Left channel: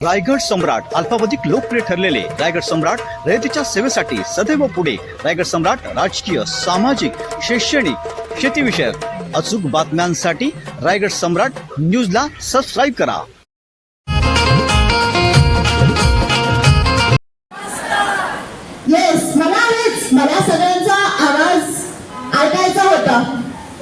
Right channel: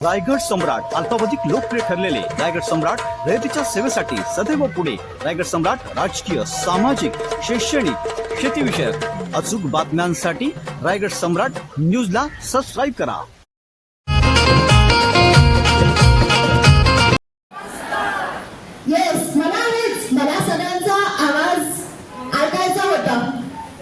रायगड सम्राट अल्पावधिक लोकप्रिय ठरलेले रायगड सम्राट रयतेच्या सेवेसाठी सदैव पुढे. रायगड सम्राट राजकीय सामाजिक शैक्षणिक शेतीविषयक अचूक बातम्यांसाठी रायगड सम्राट न्यूजला सबस्क्राईब करा. येस मला मला सगळ्यांचा आवाज ऐकायचा होता.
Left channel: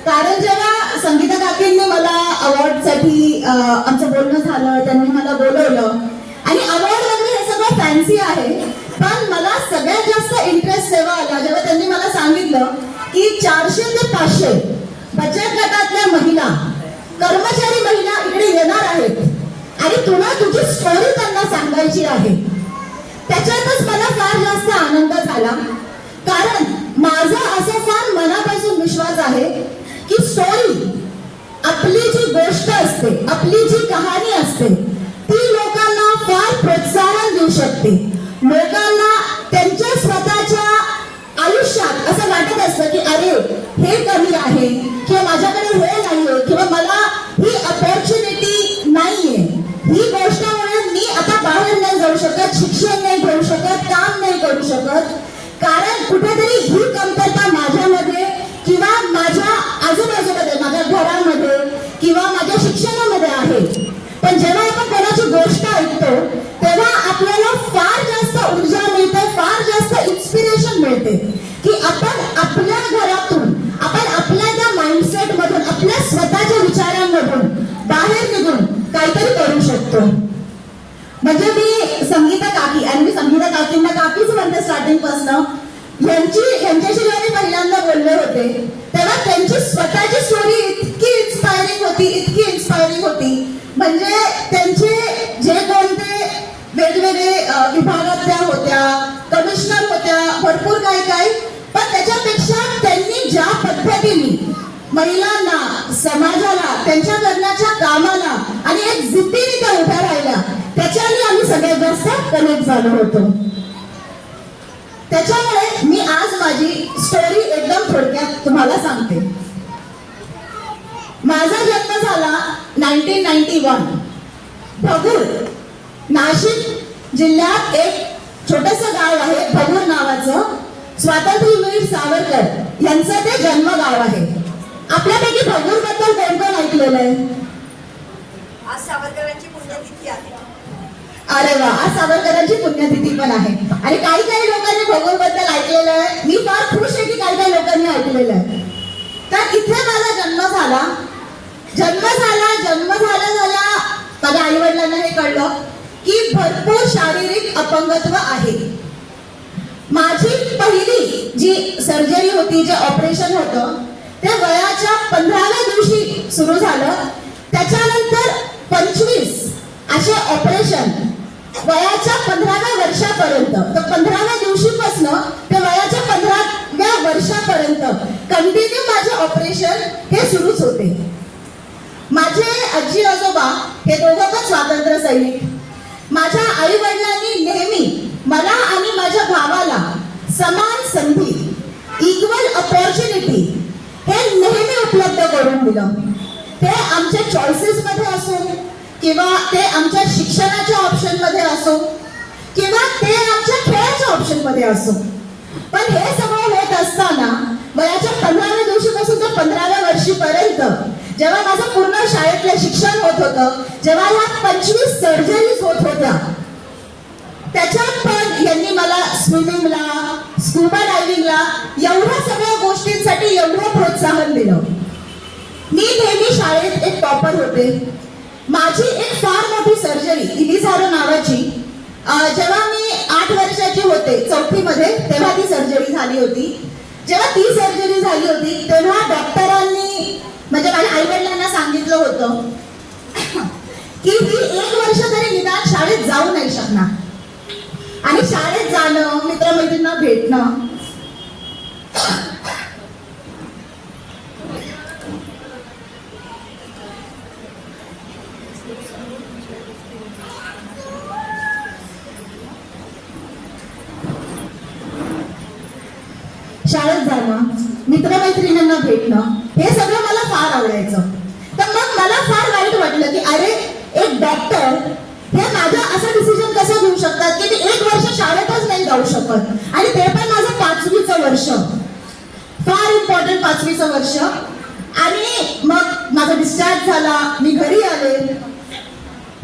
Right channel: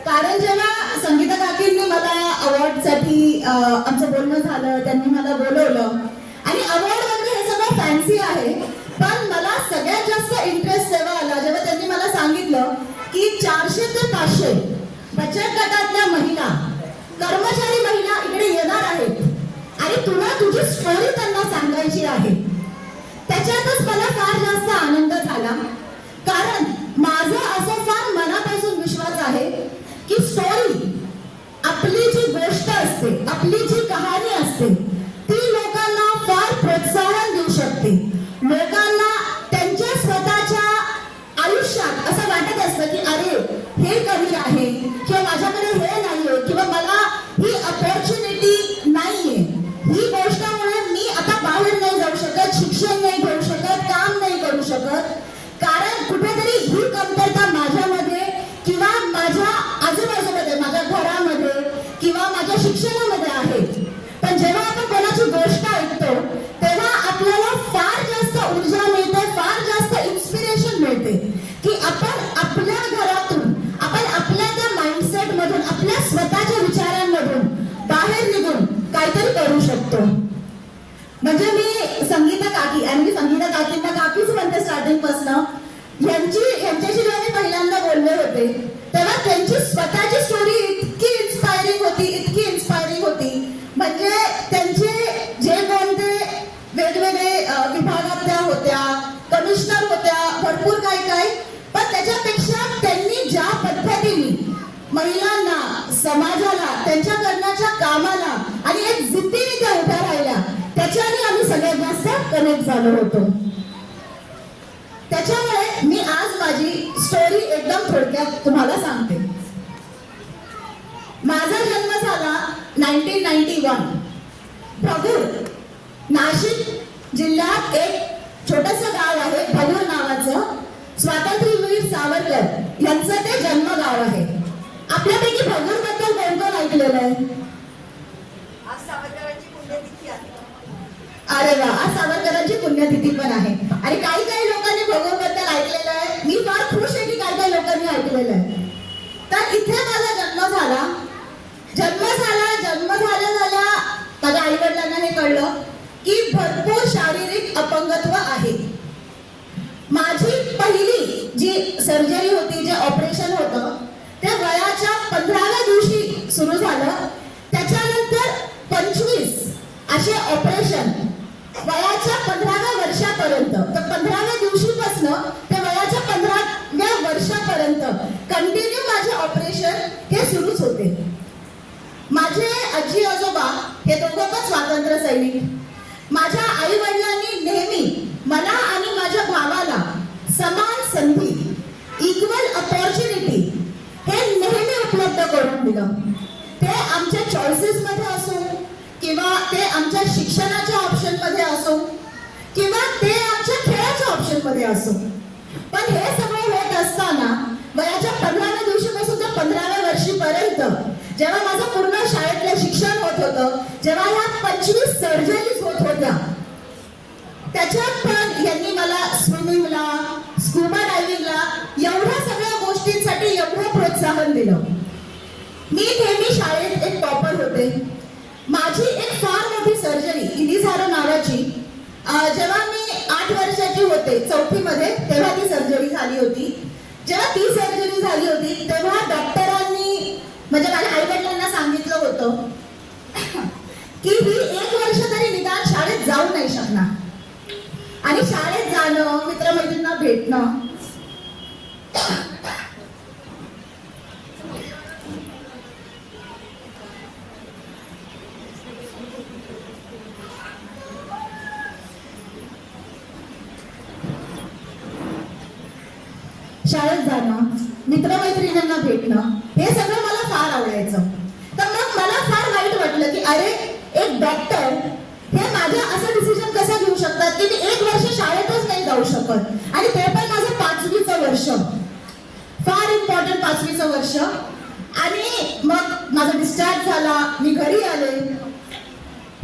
कारण जेव्हा संगीता काकींनी मला अवॉर्डसाठी आमचं बोलणं झालं त्यांनी मला बोलवलं आणि अवॉर्ड वगैरे हे सगळं फॅन्सी आहे. पण मला सगळ्यात जास्त इंटरेस्ट तेव्हा आला जेव्हा त्यांनी मला सांगितलं की चारशे ते पाचशे बचत गटातल्या महिला कर्मचारी महिला इकडे येणार आहेत. आणि तुला तुझी स्टोरी त्यांना सांगायची आहे. त्याच्यातच मला फार जास्त आनंद झाला. कारण माझा असं फार मनापासून विश्वास आहे की स्टोरी आपली जी गोष्ट असते आपली जी कहाणी असते प्रोत्साहन देऊ शकते. लोकांना त्यांच्या स्वतःच्या आयुष्यात असं वाटत असतं की अरे हे कमी आहे किंवा माझ्याकडे वेळ नाहीये किंवा मला ही अपॉर्च्युनिटी नाहीये. ही गोष्ट म्हणून मी आता बाहेर नाही जाऊ शकत शिक्षण नाही घेऊ शकत काम नाही करू शकत. काकी आणि मी संगीता काकींना काकीच म्हणते स्टार्टिंगपासून. यांची यांच्याशी जेव्हा मी पहिल्यांदा बोलले होते. तेव्हा त्यांची स्वतःची स्टोरी इतकी इन्स्पायरिंग होती इतकी इन्स्पायरिंग होती. म्हणजे त्यांचे जे कोणते वेगवेगळे विभागात त्या होत्या कमिशनर होत्या भरपूर काही काही. पण त्याच्यापेक्षा त्यांनी ज्या पद्धतीने महिलांना समाजाला त्यांच्या करण्याच्या कामाला आणि एक जिद्दीने त्या उभ्या राहिल्या त्याच्याने आम्ही सगळ्यात जास्त कनेक्ट झालो होतो. त्याच्यामुळे मी आज माझी स्टोरी एकदम थोडक्यात तुम्हाला सांगते. माझा जन्म झाला nineteen ninety one Bhagur Nashik जिल्ह्यात एक छोटस गाव आहे भगूर नावाचं. स्वातंत्र्यवीर सावरकर यांचं ते जन्मगाव आहे. आपल्यापैकी भगूरबद्दल कोण कोण ऐकलेलं आहे? आज सावरकरांची अरे वा आज सावरकरांची पुण्यतिथी पण आहे. आणि काही काही लोकांनी भगूरबद्दल ऐकलेलं आहे. मी फार खुश आहे की काही काही लोकांनी ऐकलेलं आहे. तर इथे माझा जन्म झाला. जन्म झाला जन्म झाला झाल्या माझ्या आई वडिलांना हे कळलं की भरपूर शारीरिक अपंगत्व आहे. माझी पहिली जी सर्जरी होती जे ऑपरेशन होतं ते वयाच्या पंधराव्या दिवशी सुरू झालं. त्याच्यानंतर पंचवीस असे ऑपरेशन वयाच्या पंधराव्या वर्षापर्यंत. तर पंधराव्या दिवशीपासून ते वयाच्या पंधराव्या वर्षापर्यंत कंटिन्यू माझे ऑपरेशन हे सुरूच होते. माझे आजी आजोबा हे दोघं पण स्वातंत्र्य सैनिक. माझ्या आई वडिलांनी नेहमी मला आणि माझ्या भावाला समान संधी इक्वल अपॉर्च्युनिटी हे नेहमी उपलब्ध करून दिलं. ते आमच्या चॉईसेस मध्ये किंवा ते आमच्या शिक्षणाच्या ऑप्शनमध्ये असो किंवा ते आमच्या खेळाच्या ऑप्शनमध्ये असो. पण हे सगळं होत असताना वयाच्या पंधराव्या दिवशीपासून तर पंधराव्या वर्षीपर्यंत जेव्हा माझं पूर्ण शाळेतलं शिक्षण होत होतं जेव्हा या पंचवीस सर्जरीज होत होत्या त्याच्यात पण यांनी मला स्विमिंगला स्कुबा डायव्हिंगला एवढ्या सगळ्या गोष्टींसाठी एवढं प्रोत्साहन दिलं. मी नेहमी शाळेत एक टॉपर होते. माझी एक फार मोठी सर्जरी इलिझारो नावाची. जेव्हा मी आठ वर्षाची होते चौथीमध्ये तेव्हा ती सर्जरी झाली होती. जेव्हा ती सर्जरी झाली होती तेव्हा डॉक्टरांनी म्हणजे माझ्या आई वडिलांना सांगितलं होतं की ही एक वर्ष तरी निदान शाळेत जाऊ नाही शकणार. आणि शाळेत जाणं मित्रमैत्रिणींना भेटणं शाळेत जाणं मित्रमैत्रिणींना भेटणं हे सगळं मला फार आवडायचं. तर मग मला फार वाईट वाटलं की अरे एक डॉक्टर हे माझं असं डिसिजन कसा घेऊ शकतात की ते एक वर्ष शाळेतच नाही जाऊ शकत? आणि ते पण माझं पाचवीचं वर्ष. फार इम्पॉर्टंट पाचवीचं वर्ष. आणि मग माझा डिस्चार्ज झाला मी घरी आले.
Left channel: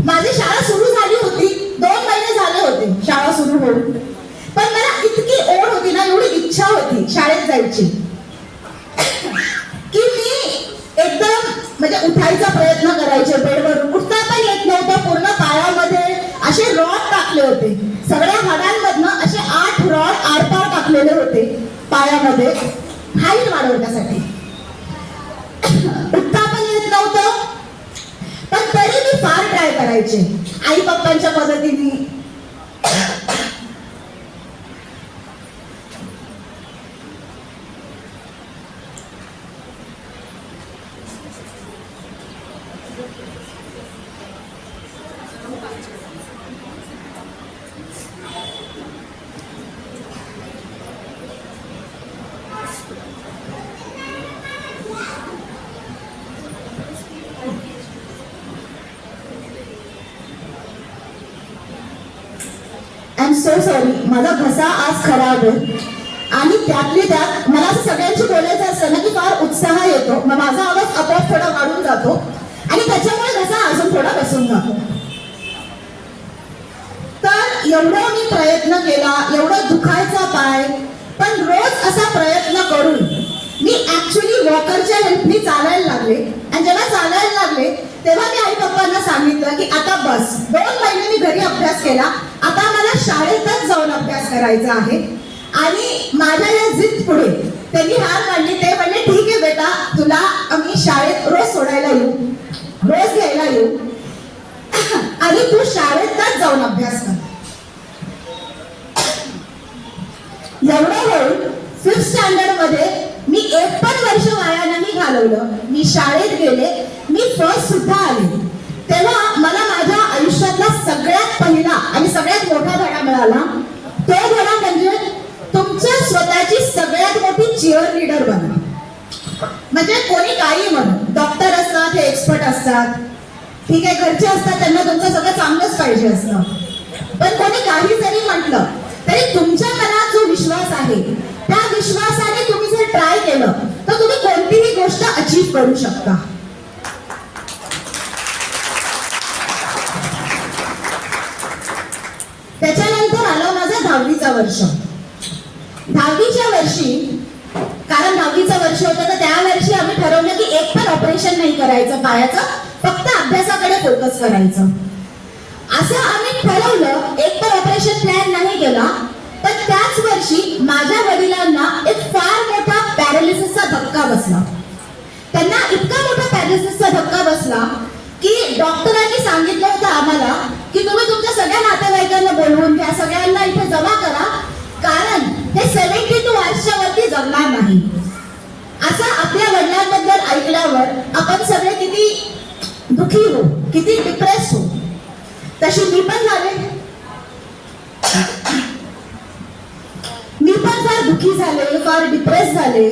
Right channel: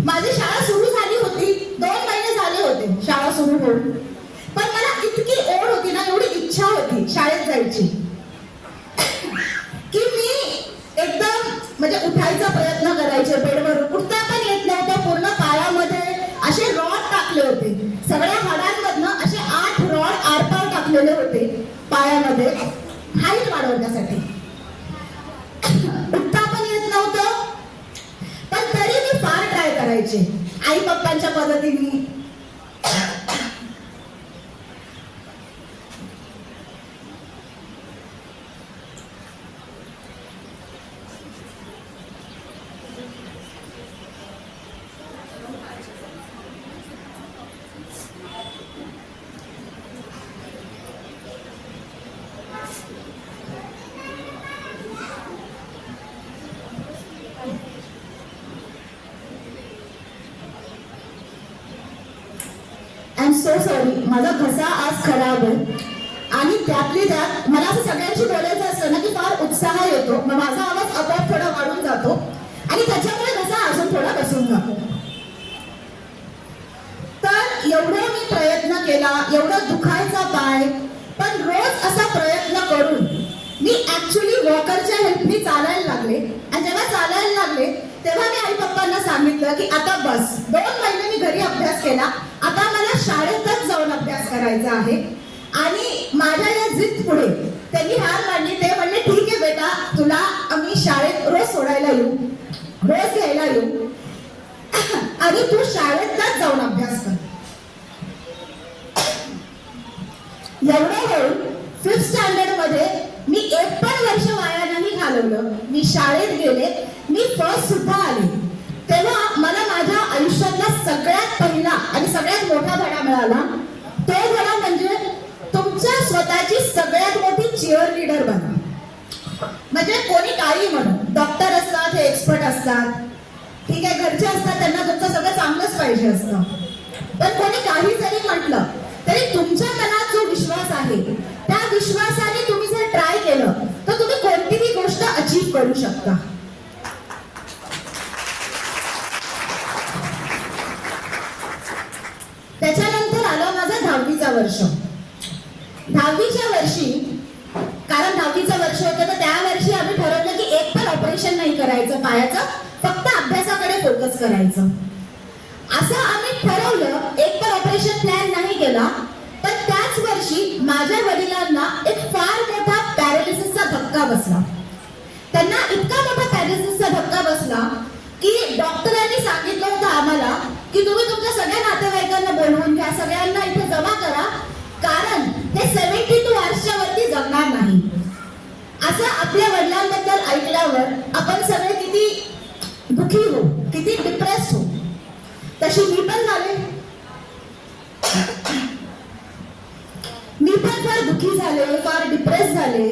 माझी शाळा सुरू झाली होती दोन महिने झाले होते शाळा सुरू होऊन. पण मला इतकी ओढ होती ना एवढी इच्छा होती शाळेत जायची. की मी एकदम म्हणजे उठायचा प्रयत्न करायचे बेडवरून. उठता पण येत नव्हतं पूर्ण पायामध्ये असे रॉड टाकले होते. सगळ्या हाडांमधनं असे आठ रॉड आरपार टाकलेले होते पायामध्ये. हाईट वाढवण्यासाठी. उठता पण येत नव्हतं. पण तरी मी फार ट्राय करायचे. आई पप्पांच्या मदतीने. एम सो सॉरी माझा घसा आज खराब आहे. आणि त्यातले त्यात मला असं सगळ्यांशी बोलायचं असतं ना की फार उत्साह येतो. मग माझा आवाज आपोआप थोडा वाढून जातो. आणि त्याच्यामुळे घसा अजून थोडा बसून जातो. तर एवढा मी प्रयत्न केला एवढं दुखायचा पाय पण रोज असा प्रयत्न करून मी ऍक्च्युली वॉकरच्या हेल्पनी चालायला लागले. आणि जेव्हा चालायला लागले तेव्हा मी आई पप्पांना सांगितलं की आता बस. दोन महिने मी घरी अभ्यास केला. आता मला शाळेतच जाऊन अभ्यास करायचा आहे. आणि माझ्या या जिद पुढे त्यांनी हार मांडली. ते म्हणले ठीक आहे बेटा तुला आम्ही शाळेत रोज सोडायला येऊ. रोज घ्यायला येऊ. आणि तू शाळेतच जाऊन अभ्यास कर. एवढं होऊन फिफ्थ स्टँडर्डमध्ये मी एक पण वर्ष वाया नाही घालवलं. मी शाळेत गेले. फर्स्ट सुद्धा आले. तेव्हा मला माझ्या आयुष्यातला सगळ्यात पहिला आणि सगळ्यात मोठा धडा मिळाला. तो धडा म्हणजे तुमच्या स्वतःची सगळ्यात मोठी चिअर लीडर बना म्हणजे कोणी काही म्हणून डॉक्टर असतात हे एक्सपर्ट असतात. ठीक आहे घरचे असतात त्यांना तुमचं सगळं चांगलंच पाहिजे असतं. पण कोणी काही जरी म्हटलं तरी तुमच्या मनात जो विश्वास आहे त्या विश्वासाने तुम्ही जर ट्राय केलं तर तुम्ही कोणतीही गोष्ट अचीव्ह करू शकता. त्याच्यानंतर आलं माझं दहावीचा वर्ष. दहावीच्या वर्षी कारण दहावीचं वर्ष होतं तर त्या वर्षी आम्ही ठरवलं की एक पण ऑपरेशन नाही करायचं पायाचं फक्त अभ्यासाकडे फोकस करायचं. असं आम्ही ठरवलं एक पण ऑपरेशन प्लॅन नाही केला पण त्याच वर्षी माझ्या वडिलांना एक फार मोठा पॅरालिसिसचा धक्का बसला. त्यांना इतका मोठा पॅरालिसिसचा धक्का बसला की डॉक्टरांनी सांगितलं होतं आम्हाला की तुम्ही तुमच्या सगळ्या नातेवाईकांना बोलवून घ्या सगळ्यांना इथे जमा करा. कारण हे सेव्हन्टी टू वर्षावरती वरती जगणार नाही. असं आपल्या वडिलांबद्दल ऐकल्यावर आपण सगळे किती दुखी हो किती डिप्रेस हो. तशी मी पण झाले. मी पण फार दुखी झाले फार डिप्रेस झाले.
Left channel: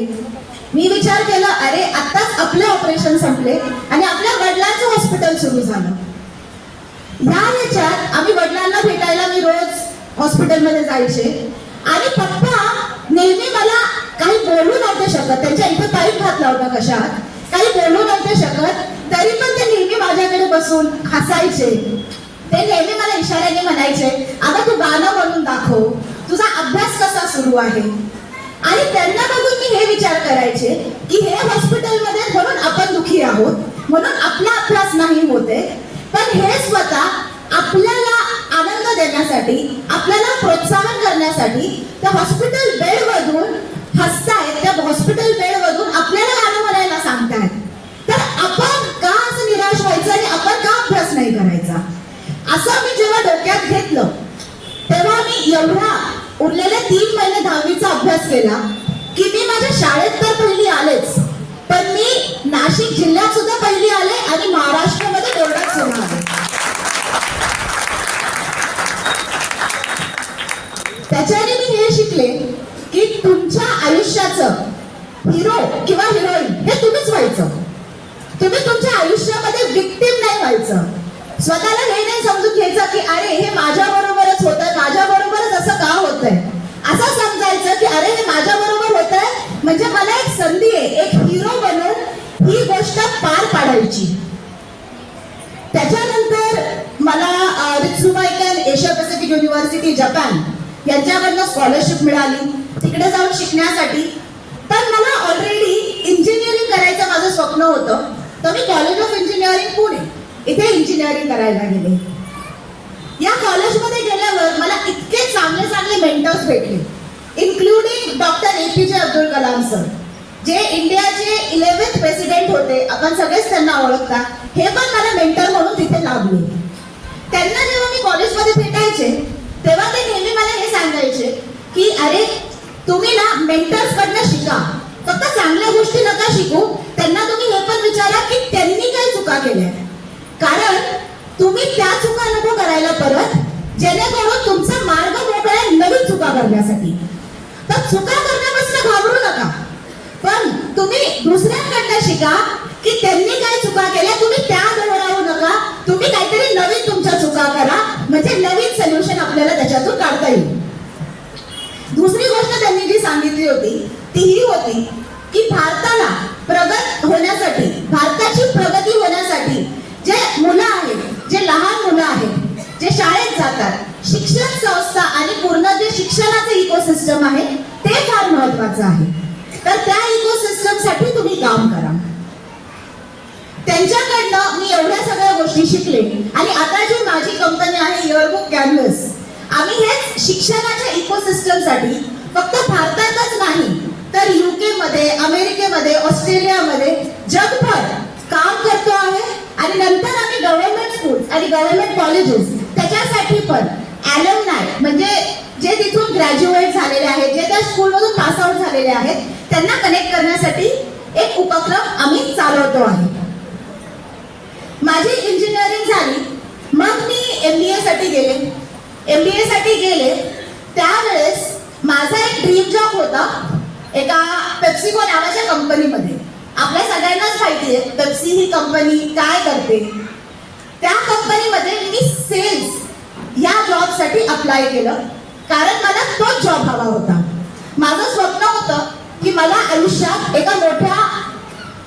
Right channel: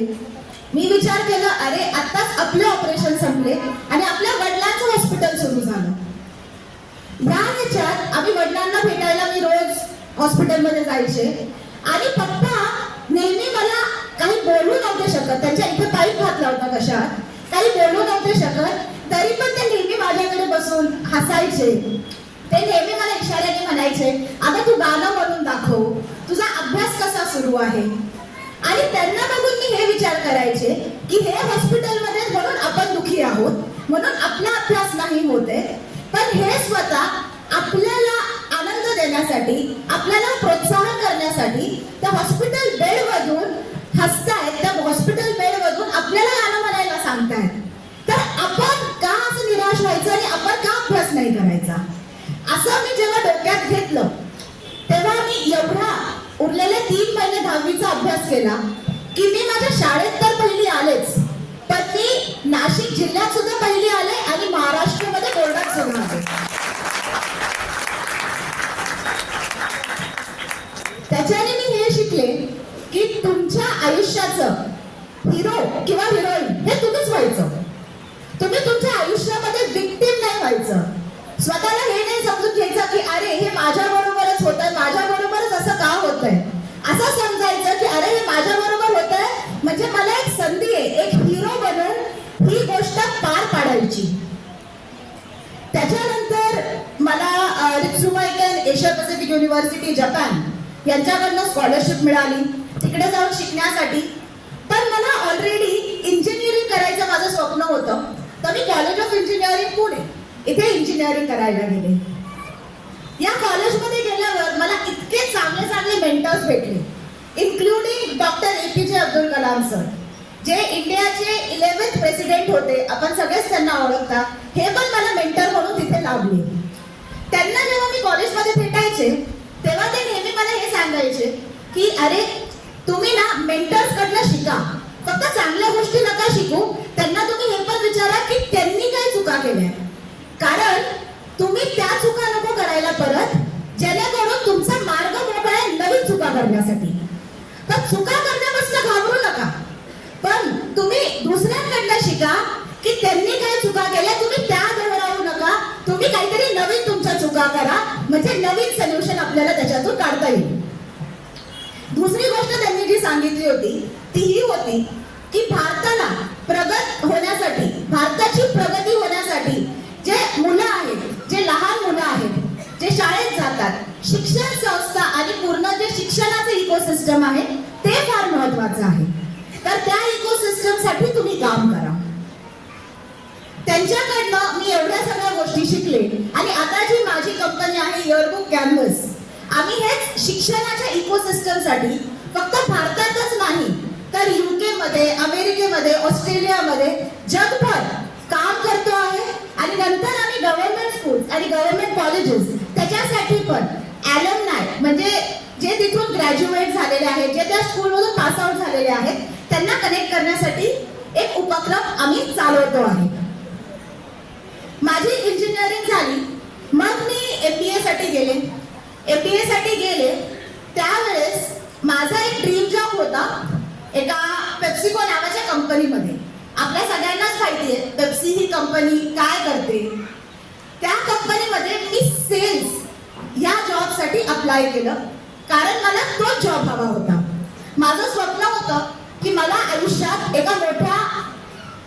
मी विचार केला अरे आताच आपले ऑपरेशन संपले आणि आपल्या वडिलांचं हॉस्पिटल सुरू झालं. ह्या याच्यात आम्ही वडिलांना भेटायला मी रोज हॉस्पिटलमध्ये जायचे. आणि पप्पा नेहमी मला काही बोलू नव्हते शकत. त्यांच्या इथे पाईप घातला होता कशात. काही बोलू नव्हते शकत. तरी पण ते नेहमी माझ्याकडे बसून हसायचे. ते नेहमी मला इशाऱ्याने म्हणायचे आता तू गाणं म्हणून दाखव. तुझा अभ्यास कसा सुरू आहे? आणि त्यांना बघून मी हे विचार करायचे की हे हॉस्पिटलमध्ये म्हणून आपण दुखी आहोत. म्हणून आपला अभ्यास नाही होते. हे स्वतः आपल्याला आनंद देण्यासाठी आपल्याला प्रोत्साहन करण्यासाठी त्या हॉस्पिटल बेड मधून हसतायत त्या हॉस्पिटल बेड मधून आपल्याला गाणं म्हणायला सांगतायत. तर आपण का असं निराश व्हायचं आणि आपण का अभ्यास नाही करायचा? असं मी जेव्हा डोक्यात घेतलं तेव्हा मी एवढा उरलेले तीन महिने दहावीचा अभ्यास केला की मी माझ्या शाळेत तर पहिली आलेच पण मी नाशिक जिल्ह्यात सुद्धा पहिली आले आणि महाराष्ट्रामध्ये बोर्डात सुद्धा आले. त्याच्याने मी हे शिकले की तुमच्या आयुष्याचं हिरो किंवा हिरोईन हे तुम्हीच व्हायचं. तुम्ही तुमच्या आयुष्यामध्ये विक्टीम नाही व्हायचं. स्वतःला हे नाही समजून घ्यायचं की अरे हे माझ्या बरोबरच होत आहे माझ्या बरोबरच असं का होत आहे असं समजायचं की अरे हे माझ्या बरोबर होत आहे म्हणजे मला एक संधी आहे एक हिरो बनून ही गोष्ट पार पाडायची. त्याच्यानंतर मला अ, एशिया पॅसिफिक युनिव्हर्सिटी जपान यांच्याकडनं स्कॉलरशिप मिळाली. तिकडे जाऊन शिकण्यासाठी. तर मला ऑलरेडी इंजिनिअरिंग करायचं माझं स्वप्न होतं. तर मी कॉलेज ऑफ इंजिनिअरिंग पुणे इथे इंजिनिअरिंग करायला गेले. या कॉलेजमध्ये गेल्यावर मला इतके चांगले चांगले मेंटर्स भेटले. इन्क्लुडिंग डॉक्टर ए पी जे अब्दुल कलाम सर जे इंडियाचे इलेव्हन्थ प्रेसिडेंट होते. आपण सगळेच त्यांना ओळखता. हे पण मला मेंटर म्हणून तिथे लाभले. त्यांना जेव्हा मी कॉलेजमध्ये भेटायचे तेव्हा ते नेहमी मला हे सांगायचे की अरे तुम्ही ना मेंटर्स कडनं शिका. फक्त चांगल्या गोष्टी नका शिकू. त्यांना तुम्ही हे पण विचारा की त्यांनी काय चुका केल्या. कारण तुम्ही त्या चुका नको करायला परत जेणेकरून तुमचा मार्ग मोकळा आहे नवीन चुका करण्यासाठी. तर चुका करण्यापासून घाबरू नका. पण तुम्ही दुसऱ्यांकडनं शिका की त्यांनी काय चुका केल्या. तुम्ही त्या राहू नका. तुम्ही काहीतरी नवीन तुमच्या चुका करा. म्हणजे नवीन सोल्युशन आपल्याला त्याच्यातून काढता येईल. दुसरी गोष्ट त्यांनी जी सांगितली होती ती ही होती की भारताला प्रगत होण्यासाठी भारताची प्रगती होण्यासाठी जे मुलं आहेत जे लहान मुलं आहेत जे शाळेत जातात शिक्षण संस्था आणि पूर्ण जे शिक्षणाचं इकोसिस्टम आहे ते फार महत्वाचं आहे. तर त्या इकोसिस्टमसाठी तुम्ही काम करा. त्यांच्याकडनं मी एवढ्या सगळ्या गोष्टी शिकले. आणि आता जी माझी कंपनी आहे इयरबुक कॅनव्हस आम्ही हेच शिक्षणाच्या इकोसिस्टमसाठी फक्त भारतातच नाही तर युके मध्ये अमेरिकेमध्ये ऑस्ट्रेलियामध्ये जगभर काम करतो आहे. आणि नंतर आम्ही गव्हर्नमेंट स्कूल आणि गव्हर्नमेंट कॉलेजेस त्याच्यासाठी पण ॲलमनाय म्हणजे जे तिथून ग्रॅज्युएट झालेले आहेत जे त्या स्कूलमधून पास आउट झालेले आहेत त्यांना कनेक्ट करण्यासाठी एक उपक्रम आम्ही चालवतो आहे. माझी इंजिनिअरिंग झाली मग मी एम बी साठी गेले. एम बी साठी गेले. त्यावेळेस माझा एक ड्रीम जॉब होता एका पेप्सिको नावाच्या कंपनीमध्ये आपल्या सगळ्यांनाच माहिती आहे पेप्सी ही कंपनी काय करते. त्या कंपनीमध्ये मी सेल्स या जॉबसाठी अप्लाय केलं. कारण मला तोच जॉब हवा होता. माझं स्वप्न होतं की मला आयुष्यात एका मोठ्या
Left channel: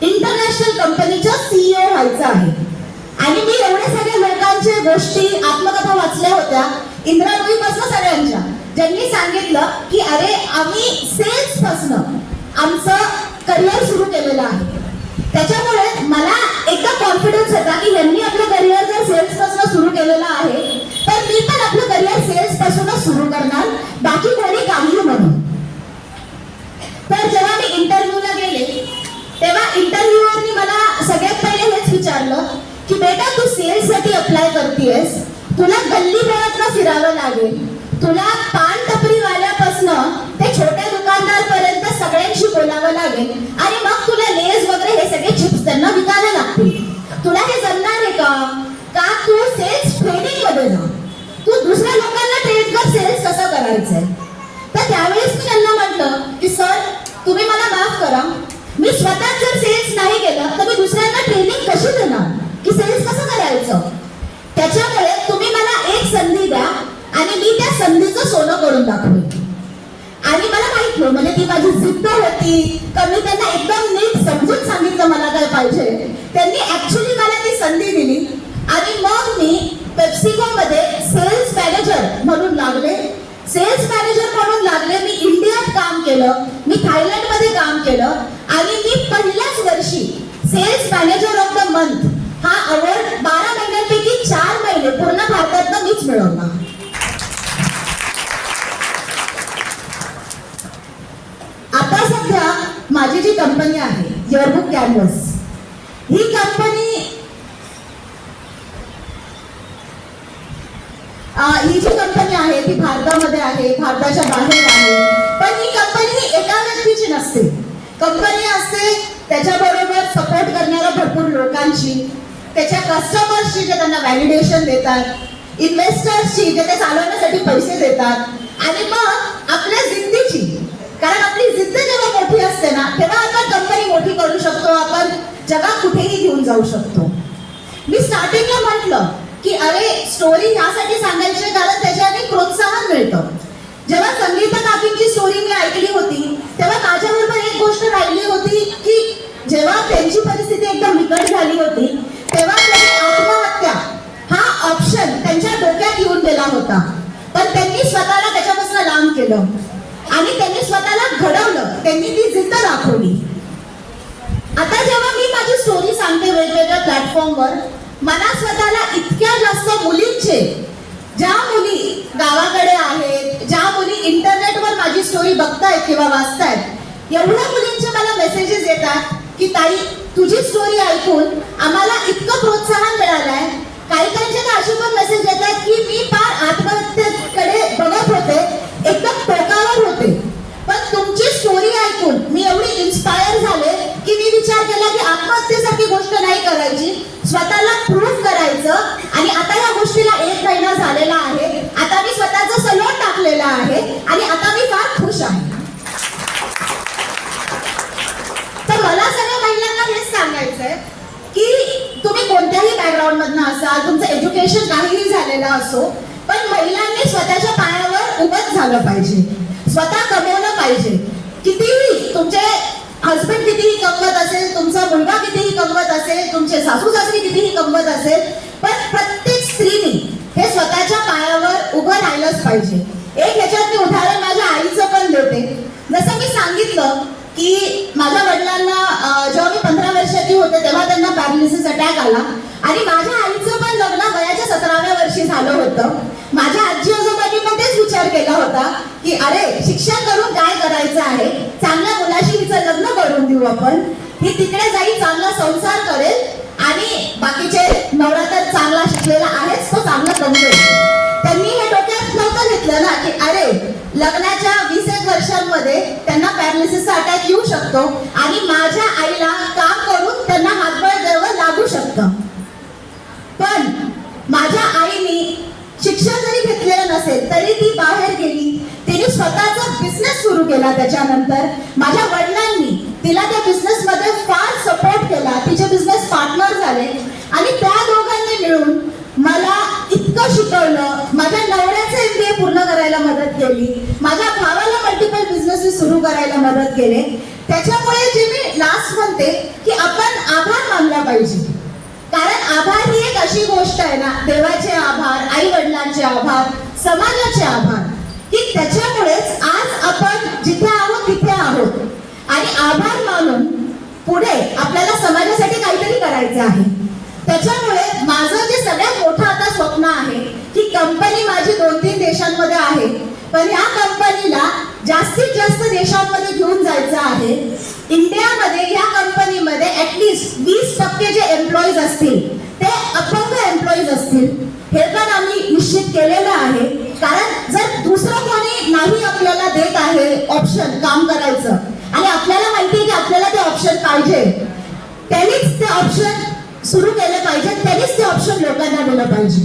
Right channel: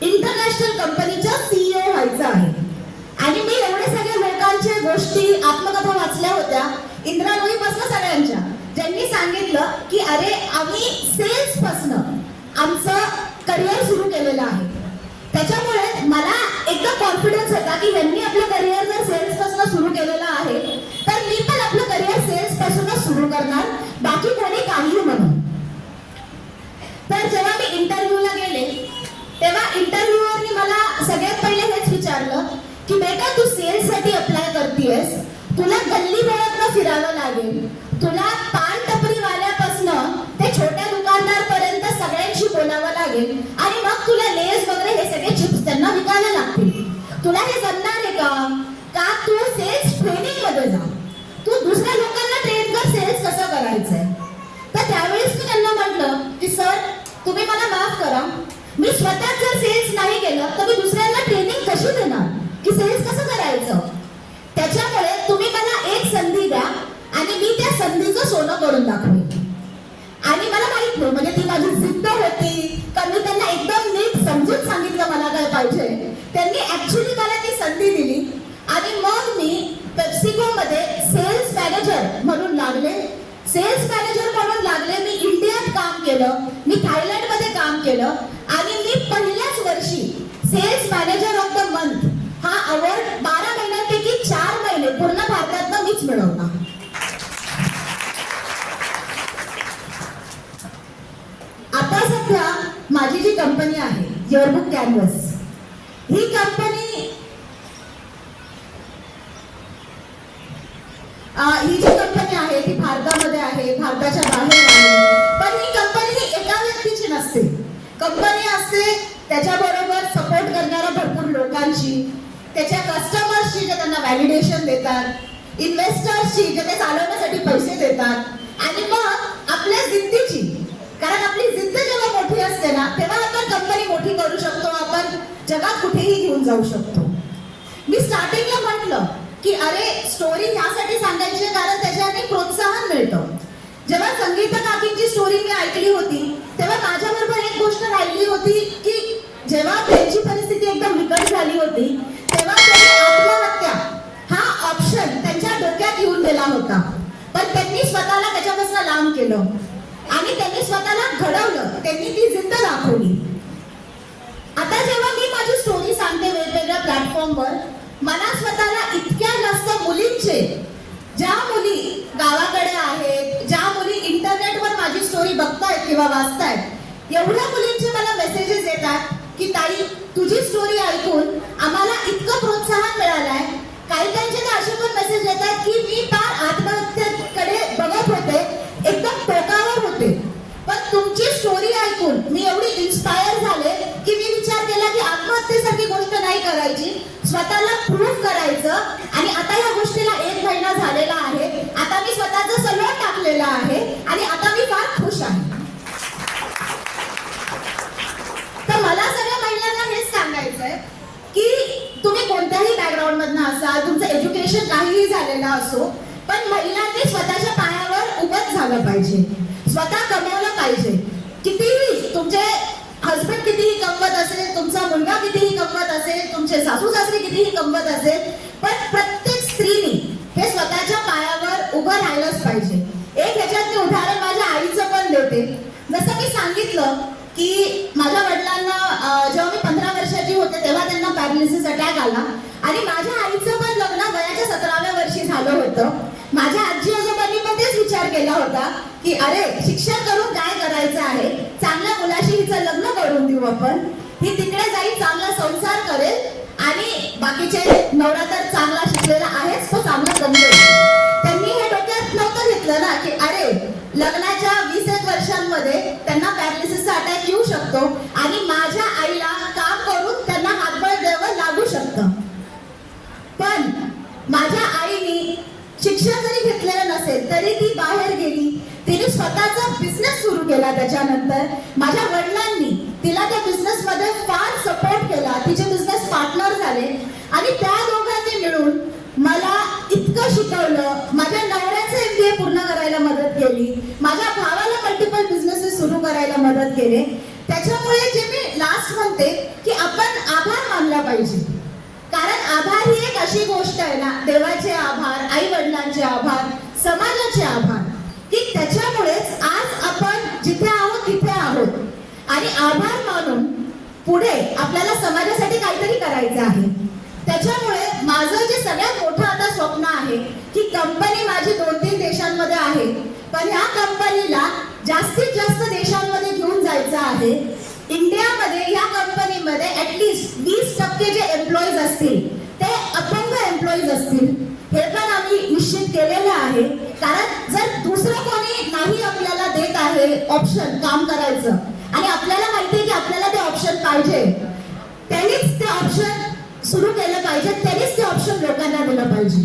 इंटरनॅशनल कंपनीच्या सीईओ व्हायचं आहे. आणि मी एवढे सगळे लोकांच्या गोष्टी आत्मकथा वाचल्या होत्या. इंदिरा पासन सगळ्यांच्या. ज्यांनी सांगितलं की अरे आम्ही सेल्स पासन आमचं करिअर सुरू केलेलं आहे. त्याच्यामुळे मला एकदा कॉन्फिडन्स होता की यांनी आपलं करिअर जर सेल्सपासून सुरू केलेलं आहे तर मी पण आपलं करिअर सेल्स पासूनच सुरू करणार. बाकी कोणी काही म्हणून. तर जेव्हा मी इंटरव्ह्यूला गेले तेव्हा इंटरव्ह्यूवरनी मला सगळ्यात पहिले हेच विचारलं की बेटा तू सेल्ससाठी अप्लाय करतेस तुला गल्ली बोळातनं फिरावं लागेल. तुला पान टपरी ते छोट्या दुकानदार पर्यंत सगळ्यांशी बोलावं लागेल. आणि मग तुला लेस वगैरे हे सगळे चिप्स त्यांना विकायला लागतील. तुला हे जमणार आहे का? का तू सेल्स ट्रेनिंगमध्ये जा? तू दुसऱ्या लोकांना ट्रेन कर सेल्स कसं करायचंय? तर त्यावेळेस मी त्यांना म्हटलं की सर तुम्ही मला माफ करा. मी स्वतः जर सेल्स नाही केलं तर मी दुसऱ्यांना ट्रेनिंग कशी देणार? की सेल्स कसं करायचं? त्याच्यामुळे तुम्ही मला एक संधी संधीचं सोनं करून दाखवेन आणि मला माहीत नाही म्हणजे ती माझी जिद्द होती. का मी त्यांना एकदम नीट समजून सांगितलं मला काय पाहिजे. त्यांनी ऍक्च्युली मला ती संधी दिली. आणि मग मी पेप्सिको मध्ये सेल्स मॅनेजर म्हणून लागले. सेल्स मॅनेजर म्हणून लागले मी इंडियात काम केलं. मी थायलंडमध्ये काम केलं. आणि मी पहिल्याच वर्षी sales manager of the month हा अवॉर्ड बारा महिन्यांपैकी चार महिने पूर्ण भारतात मीच मिळवला आता सध्या माझी जी कंपनी आहे जेवरबुक कॅनव्हस ही कंपनी ही जी कंपनी आहे ती भारतामध्ये आहे भारताच्या बाहेर आहे. पण ही कंपनी ही एका व्यक्तीची नसते. कंपनी असते त्याच्याबरोबर सपोर्ट करणाऱ्या भरपूर लोकांची त्याच्या कस्टमर्सची जे त्यांना व्हॅलिडेशन देतात इन्व्हेस्टर्सची जे ते चालवण्यासाठी पैसे देतात आणि मग आपल्या जिद्दीची कारण आपली जिद्द जेव्हा मोठी असते ना तेव्हा आपण कंपनी मोठी करू शकतो आपण जगात कुठेही घेऊन जाऊ शकतो. मी स्टार्टिंगला म्हटलं की अरे स्टोरी यासाठी सांगायची कारण त्याच्याने प्रोत्साहन मिळतं. जेव्हा संगीता काकींची स्टोरी मी ऐकली होती तेव्हा माझ्याबरोबर एक गोष्ट राहिली होती की जेव्हा त्यांची परिस्थिती एकदम बिकट झाली होती तेव्हा आत्महत्या हा ऑप्शन त्यांच्या डोक्यात येऊन गेला होता. पण त्यांनी स्वतःला त्याच्यापासून लांब केलं. आणि त्यांनी स्वतःला घडवलं. त्यांनी ती जिद्द दाखवली. आता जेव्हा मी माझी स्टोरी सांगते वेगवेगळ्या प्लॅटफॉर्मवर मला स्वतःला इतक्या जास्त मुलींचे ज्या मुली गावाकडे आहेत ज्या मुली इंटरनेटवर माझी स्टोरी बघतायत किंवा वाचतायत एवढ्या मुलींचे मला मेसेजेस येतात की ताई तुझी स्टोरी ऐकून आम्हाला इतकं प्रोत्साहन मिळालंय. काही काहींचे तर असे पण मेसेज येतात की मी फार आत्महत्येकडे बघत होते एकदम टोकावर होते पण तुमची स्टोरी ऐकून मी एवढी इन्स्पायर झाले की मी विचार केला की आत्महत्येसारखी गोष्ट नाही करायची. स्वतःला प्रूफ करायचं. आणि आता या गोष्टीला एक महिना झालेला आहे. आता मी स्वतःचा सलोट टाकलेला आहे. आणि आता मी फार खुश आहे. तर मला सगळ्या महिलांना हेच सांगायचंय की तुम्ही कोणत्याही बॅकग्राऊंड मधनं असाल तुमचं एज्युकेशन काहीही झालेलं असो पण महिलांनी स्वतःच्या पायावर उभंच झालं पाहिजे. स्वतः कमवलं पाहिजे. कितीही तुमचे हस्बंड कितीही कमवत असेल तुमचा मुलगा कितीही कमवत असेल तुमचे सासू सासरी कितीही कमवत असेल पण प्रत्येक स्त्रीनी हे स्वतःच्या पायावर उभं राहिलंच पाहिजे. एक ह्याच्यात मी उदाहरण माझ्या आईचं पण देते जसं मी सांगितलं की माझ्या वडिलांना जेव्हा मी पंधरा वर्षाची होते तेव्हा त्यांना पॅरालिसिस अटॅक आला. आणि माझ्या आईचं पण लग्न वयाच्या सतराव्या वर्षी झालं होतं. माझ्या आजी आजोबांनी विचार केला होता की अरे शिक्षण करून काय करायचं आहे? चांगल्या मुलाशी हिचं लग्न करून देऊ आपण. ही तिकडे जाईल चांगला संसार करेल आणि बाकीचे नवरा तर चांगला शिकलेला आहेच तो चांगला कमवेल त्यांनी हे डोक्यात नव्हतं घेतलं ना की अरे लग्नाच्या वीस एक वर्षांमध्ये त्यांना पॅरालिसिसचा अटॅक येऊ शकतो आणि माझ्या आईला काम करून त्यांना हातबळ द्यावं लागू शकतं. पण माझ्या आईने शिक्षण जरी घेतलेलं नसेल तरी ती बाहेर गेली. तिने स्वतःचा बिझनेस सुरू केला त्याच्यानंतर. माझ्या वडिलांनी तिला त्या बिझनेस मध्ये फार सपोर्ट केला. तिचे बिझनेस पार्टनर झाले. आणि त्या दोघांनी मिळून मला इतकं शिकवलं. माझ्या नवऱ्याचं एमबीए पूर्ण करायला मदत केली. माझ्या भावाला मल्टिपल बिझनेस सुरू करायला मदत केले. त्याच्यामुळे जे मी लास्ट म्हणते की आपण आभार मानला पाहिजे. कारण आभार ही एक अशी गोष्ट आहे ना देवाचे आभार आई वडिलांचे आभार समाजाचे आभार की त्याच्यामुळेच आज आपण जिथे आहोत तिथे आहोत. आणि आभार मानून पुढे आपल्याला समाजासाठी काहीतरी करायचं आहे. त्याच्यामुळे माझं जे सगळ्यात मोठं आता स्वप्न आहे की कंपनी माझी दोन तीन देशांमध्ये आहे. पण ह्या कंपनीला जास्तीत जास्त देशांमध्ये घेऊन जायचं आहे. इंडियामध्ये या कंपनीमध्ये ऍटलिस्ट वीस टक्के जे एम्प्लॉईज असतील ते अपंग एम्प्लॉईज असतील हे पण आम्ही निश्चित केलेलं आहे. कारण जर दुसरं कोणी नाही आपल्याला देत आहे ऑप्शन काम करायचं आणि आपल्याला माहिती आहे की आपल्याला ते ऑप्शन पाहिजे त्यांनीच ते ऑप्शन सुरू केलं पाहिजे त्यांनीच ते ऑप्शन लोकांना दिलं पाहिजे.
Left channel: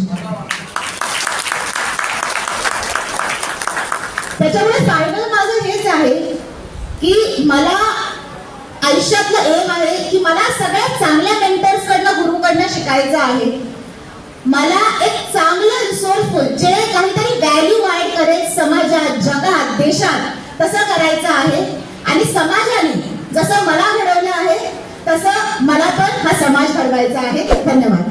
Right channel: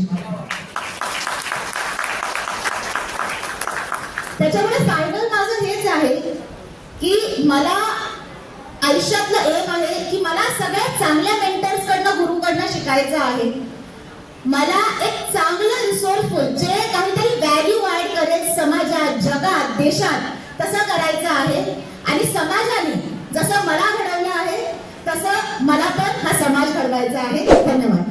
त्याच्यामुळे फायनल माझं हेच आहे की मला आयुष्यातलं एम आहे की मला सगळ्यात चांगल्या मेंटर्स कडनं गुरुकडनं शिकायचं आहे. मला एक चांगलं रिसोर्सफुल जे काहीतरी व्हॅल्यू ऍड करेल समाजात जगात देशात तसं करायचं आहे. आणि समाजाने जसं मला घडवलं आहे तसं मला पण हा समाज घडवायचा आहे. धन्यवाद.